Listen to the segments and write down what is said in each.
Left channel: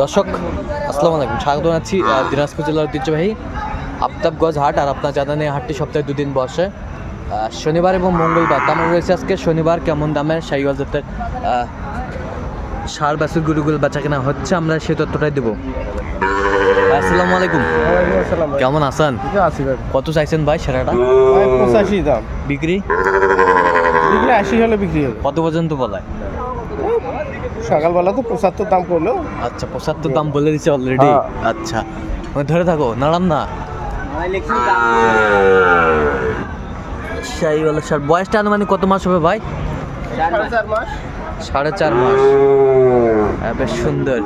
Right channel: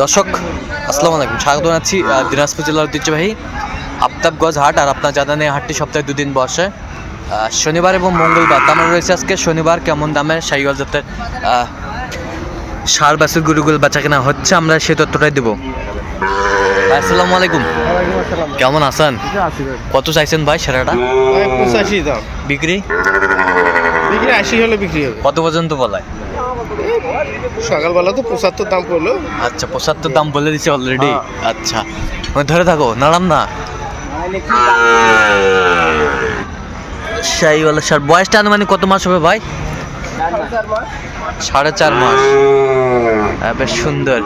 দর্শক আসসালামু আলাইকুম। স্বাগত জানাচ্ছি দিনাজপুর জেলার ঐতিহ্যবাহী আফতাবগঞ্জ হাট আর আপনার জানেন এই হাটটি সপ্তাহে দুদিন বসে। শনিবার এবং মঙ্গলবার দাম রয়েছে আজকে শনিবার কেমন দামে শাহিওয়াল জাতের সার বাসের গরুগুলো বেচা কেনা হচ্ছে আমরা সেই তথ্যটাই দেবো। আসসালামু আলাইকুম। কেমন আছেন? কত চাইছেন ভাই সেরাটা? বিক্রি? বিক্রি আশি হলে বিক্রি কত পর্যন্ত বলায় সকালবেলা তো পঁচাত্তর দাম করল আচ্ছা পঁচাত্তর দাম বলে দিছে অলরেডি আচ্ছা। ওই ধরে থাকো নাড়াম না। শাহিওয়ালা সার বয়সটা আনুমানিক কত মাস হবে ভাই? সাড়ে চার মাস। হ্যাঁ, বেশ সুন্দর।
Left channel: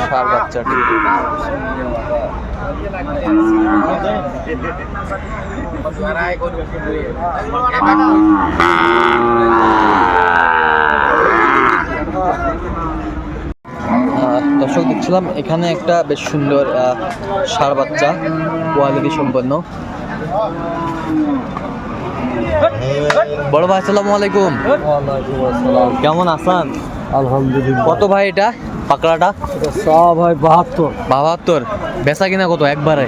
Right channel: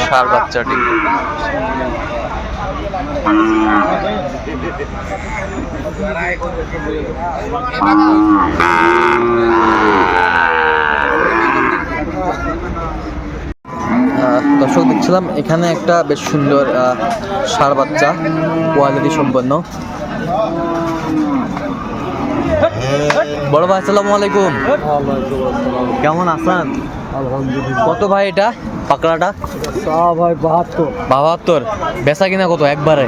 সার বাচ্চাটি। আহ, দর্শক দেখছিলাম এখানে একটা বেশ সুন্দর আহ, ষাঁড় বাচ্চা কোয়ালিটি সম্পন্ন। বড় ভাই আসসালামু আলাইকুম। কেমন আসান কত ভাই এটা? পাকড়াটা? ভাই বাহাত্তর। বাহাত্তর। বেচা কিনা কত একবারে?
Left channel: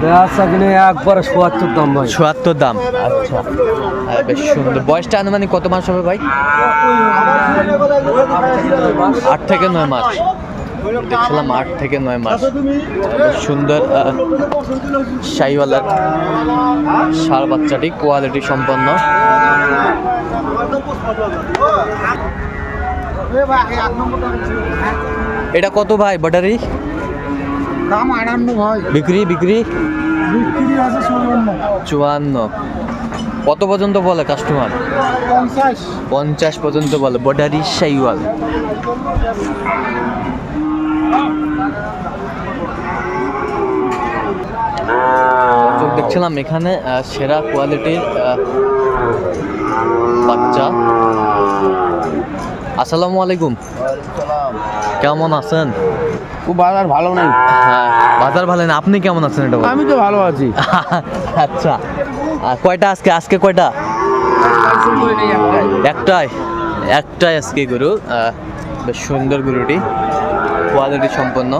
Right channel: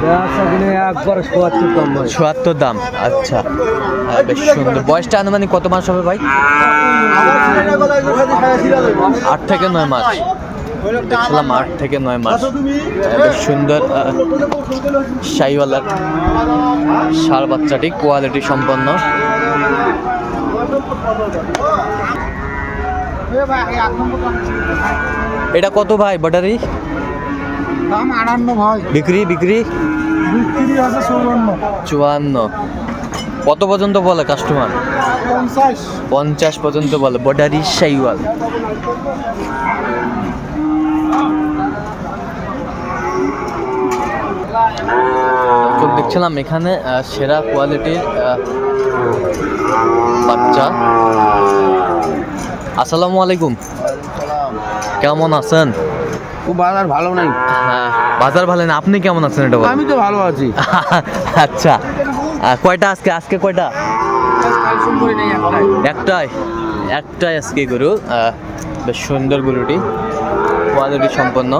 একবারে সোয়াত্তর দাম ভাই দাম। আচ্ছা। হ্যাঁ, বেশ সুন্দর। বয়সটা আনুমানিক কত মাস হবে ভাই? আট থেকে নয় মাস। দেখছিলাম আট থেকে নয় মাস। বেশ সুন্দর শাহিওয়ালার সার বাচ্চাটি কোয়ালিটি সম্পন্ন। এটা কত ভাই ব্যাটারি? দাম আটান্ন ভাই। বিক্রি বিক্রি? বিক্রি আছে চৌবান্ন চুয়ান্ন। কত পর্যন্ত বলে কাস্টমার পঞ্চাশ। পঞ্চাশ পর্যন্ত বলে বর্ডারি সাইওয়াল চোখ দেখছিলাম এখানে সেরা কোয়ালিটির বাচ্চা। আসসালামু আলাইকুম। কেমন আছেন? বাজার ভালো নাই। হ্যাঁ বাজার ভালো না আপনি কেমন আছেন এটা আমি তো ভালো আছি। আচ্ছা কয়টা আজকে? আজকে কয়টা? একটাই একটাই আজকে গরু। বেশ সুন্দর গরুটি কোয়ালিটি সম্পন্ন।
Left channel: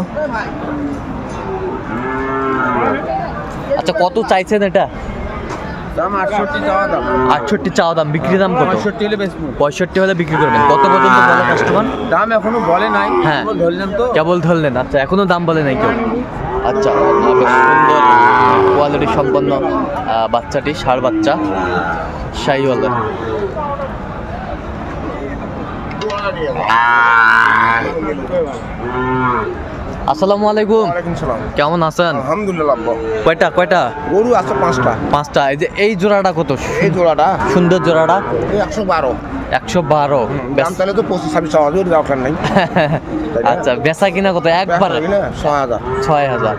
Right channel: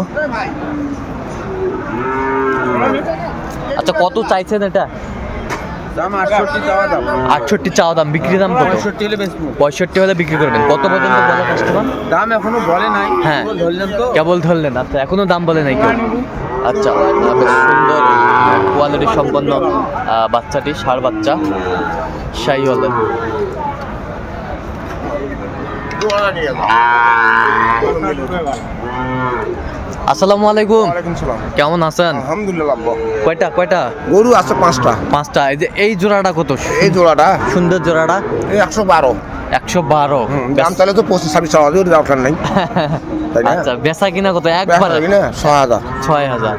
আচ্ছা কত চাইছেন এটা? দাম আটষট্টি চাওয়া দাম। আটষট্টি চাওয়া দাম বিক্রি দাম কত? পঁয়ষট্টি হলে বেচবো। পঁয়ষট্টি হলে বিক্রি করবেন। কত পর্যন্ত বলে কাস্টমার দাম এখনও বলে নাই হ্যাঁ। ধরলাম তো। কেবল ধরলেন আচ্ছা এখনও দাম বলে নাই কেউ? আচ্ছা সুন্দর কোয়ালিটি সম্পন্ন বাচ্চাটি ষাড় বাচ্চা শাহিওয়ালের। আসসালামু আলাইকুম। ওয়ালাইকুম সালাম। কেমন আছেন? আলহামদুলিল্লাহ আব্বা। কয়টা কয়টা? গরু আছে পাঁচটা। পাঁচটা। এই যে এই জোড়াটা কত? এই জোড়াটা। সুন্দর জোড়াটা। এই একশো বারো। একশো বারো। তাহলে তো পঁচিশ ছাব্বিশ ওর দরকার নেই। আচ্ছা বেচা কিনা কত? একবারে? ছয় হাজার। ছয় হাজার।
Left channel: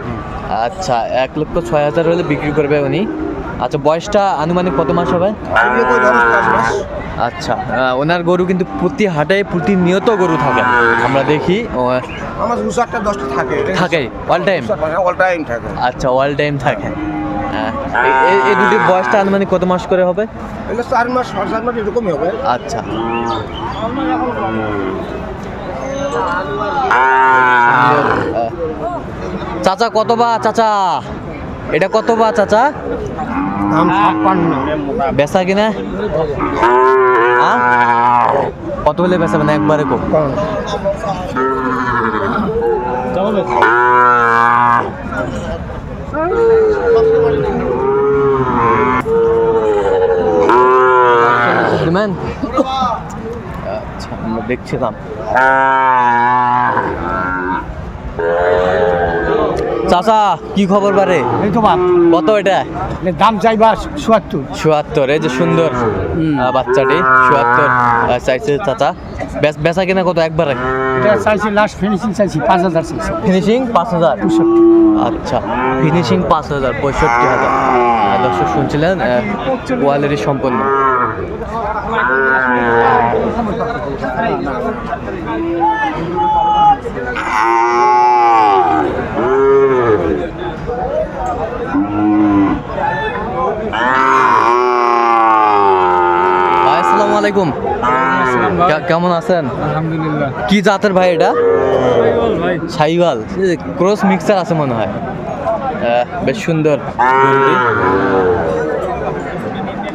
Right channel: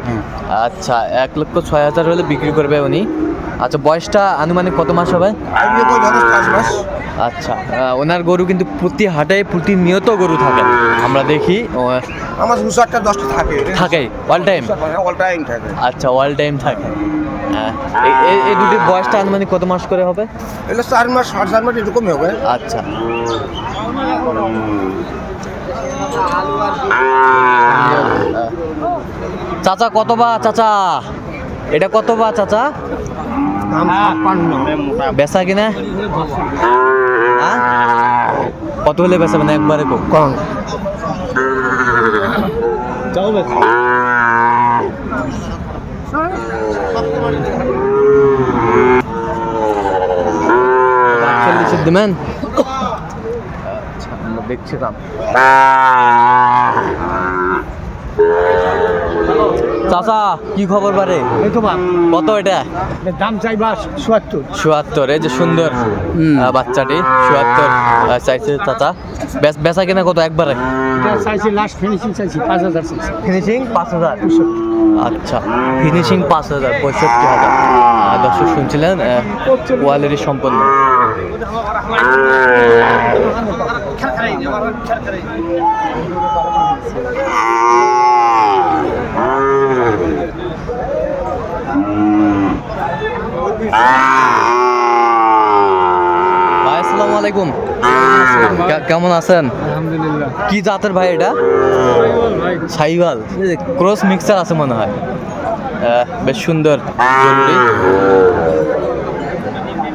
আচ্ছা এক লক্ষ ছয় হাজার হলে বিক্রি করবে উনি। আচ্ছা বয়সটা আনুমানিক কত মাস হবে? আচ্ছা ওনার গরু কিন্তু প্রতি হাটে প্রতিনিয়ত গরু থাকে। আমরা দেখি আমার দুশো একটা দশটা থাকে। থাকে অল টাইম অল টাইম থাকে। আচ্ছা অল টাইম থাকে। হ্যাঁ এই- দুটি বয়সটা আনুমানিক কত মাস করে হবে? এগুলো চার মাস সাড়ে চার মাস এরকমই হবে। আচ্ছা। চাচা কত বা চাচা? এটা কত বা চাচা? বেচা কিনা? আ? কত হলে বেচা মানে একবারে কো কম। দিবেন আচ্ছা আমরা দেখছিলাম চাচা কি খবর বারে? কত এটা? দাম চাইবা চুয়াত্তর চুয়াত্তর এই যে সুন্দর বাচ্চাটি চুয়াত্তর চাইছে চাচা। বেচা কিনা কত একবারে? চাইছি লাস্ট ফিনিশিং চাইছি পাঁচ হাজার ফিনিশিং পাঁচ হাজার? আচ্ছা ফিনিশিং পাঁচ হাজার পঁয়ষট্টি হাজার। দর্শক শুনছিলেন কোয়ালিটি সম্পন্ন। ভাই আসসালামু আলাইকুম। কেমন আছেন? আলহামদুলিল্লাহ। কি জাতের ভাই এটা? সাইওয়াল ক্রস মিক্সার আছে মনে হয়। বেশ সুন্দর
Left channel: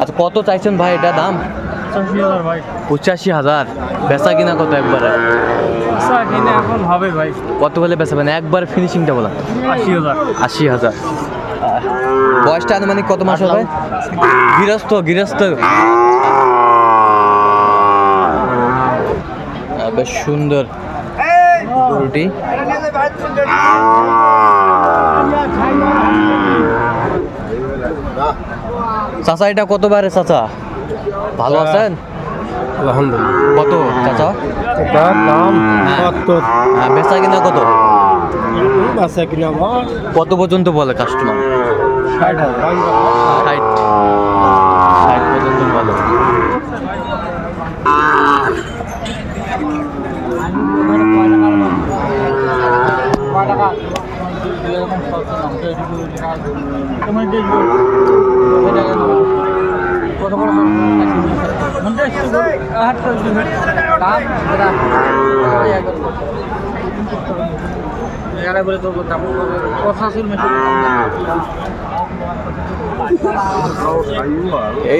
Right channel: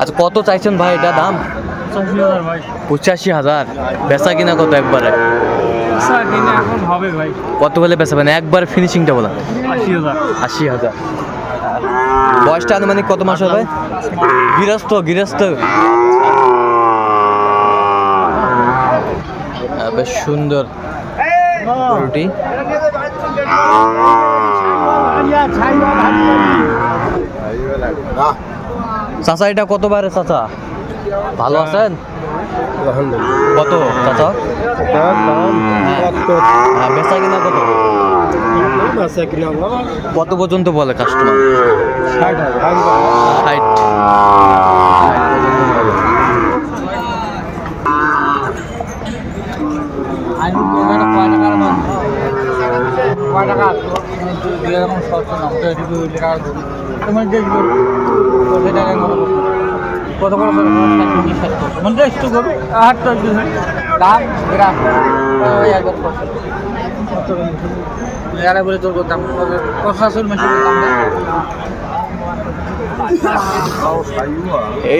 আচ্ছা কত চাইছেন ভাই এটা দাম? পঁচাশি হাজার বেচা কিনা কত একবারে? আচ্ছা কত বলে বেচাবেন? একবার ফিনিশিংটা বলেন। আশি হাজার। আশি হাজার। বয়সটা আনুমানিক কত মাস হবে? গৃহস্থ গৃহস্থ। বেশ সুন্দর গরুটি চাচা এটা কত বারে চাচা? ভালো আছেন? কত চাচা? হ্যাঁ। হ্যাঁ, বেচা কিনা কত? কত পর্যন্ত বলে কাস্টমার ষাট। ষাট পর্যন্ত বলে। কত করে পঞ্চাশ তো আট তো দাম বিরাট বলে তোর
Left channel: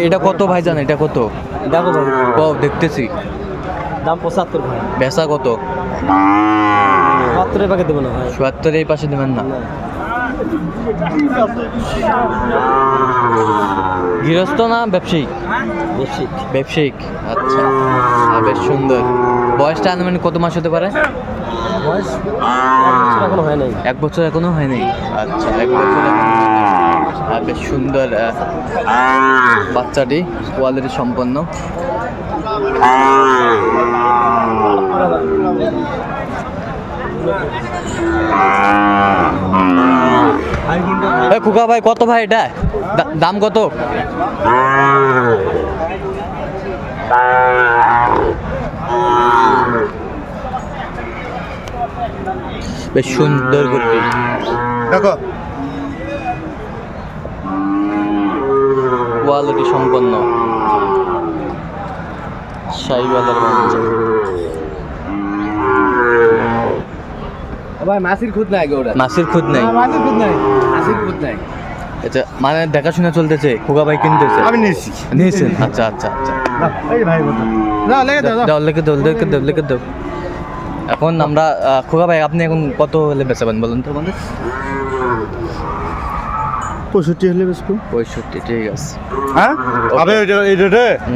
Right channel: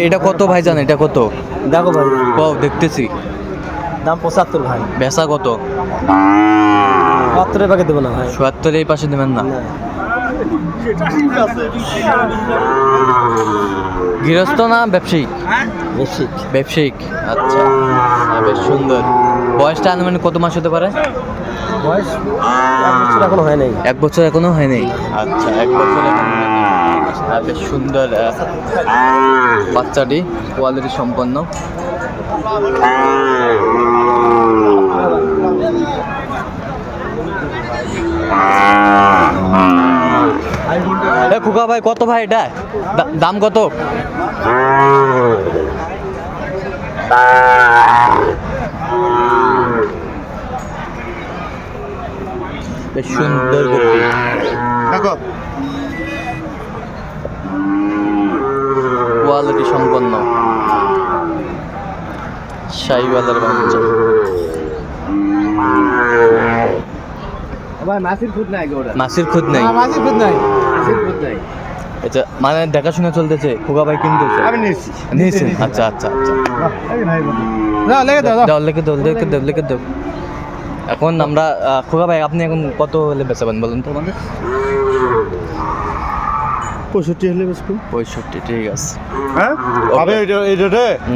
এটা কত ভাই জান? এটা কত? দেখো ভাই। দেখতেছি। দাম পঁচাত্তর ভাই। বেচা কত? বাহাত্তরের না ভাই। চুয়াত্তর এই পাশে দেবেন না। গৃহস্থ না ব্যবসায়িক? বেশি ব্যবসায়িক আচ্ছা। হ্যাঁ, বেশ সুন্দর। বয়সটা আনুমানিক কত মাস হতে পারে? বয়স এখনও হয় নাই। এক বছর এখনও হয়নি আচ্ছা এক বছর এখনও হ্যাঁ, বেশ সুন্দর বাচ্চাটি কোয়ালিটি সম্পন্ন। খুকা ভাই কত ভাই এটা? দাম কত? বেশ সুন্দর দেখো। কোয়ালিটি সম্পন্ন। শাহিওয়ালার বাচ্চা ভাই মাসির খুদ নাই গৌড়া খুদ নেই? মাসির খুদ নাই। মাসির খুদ নাই। আচ্ছা মানে দেখাশোনা চলতেছে খোকা ভাই কিনতেছে? আমি নিয়েছি। নিয়েছেন? আচ্ছা আচ্ছা আচ্ছা। দাও লিখে দাও লিখে দাও লিখে দাও এখন আমরা খোকা ভাই আপনি এখন কত হলে বেচাবেন বলুন তো আমাদের? পঁয়ষট্টি হলে বেশি পঁয়ষট্টি ঠিক আছে। হ্যাঁ?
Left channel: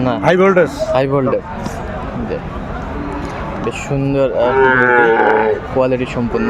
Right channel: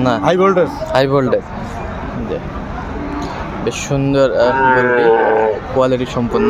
না। হাই ভোল্টেজ হাই ভোল্টেজ বেশ সুন্দর কোয়ালিটি সম্পূর্ণ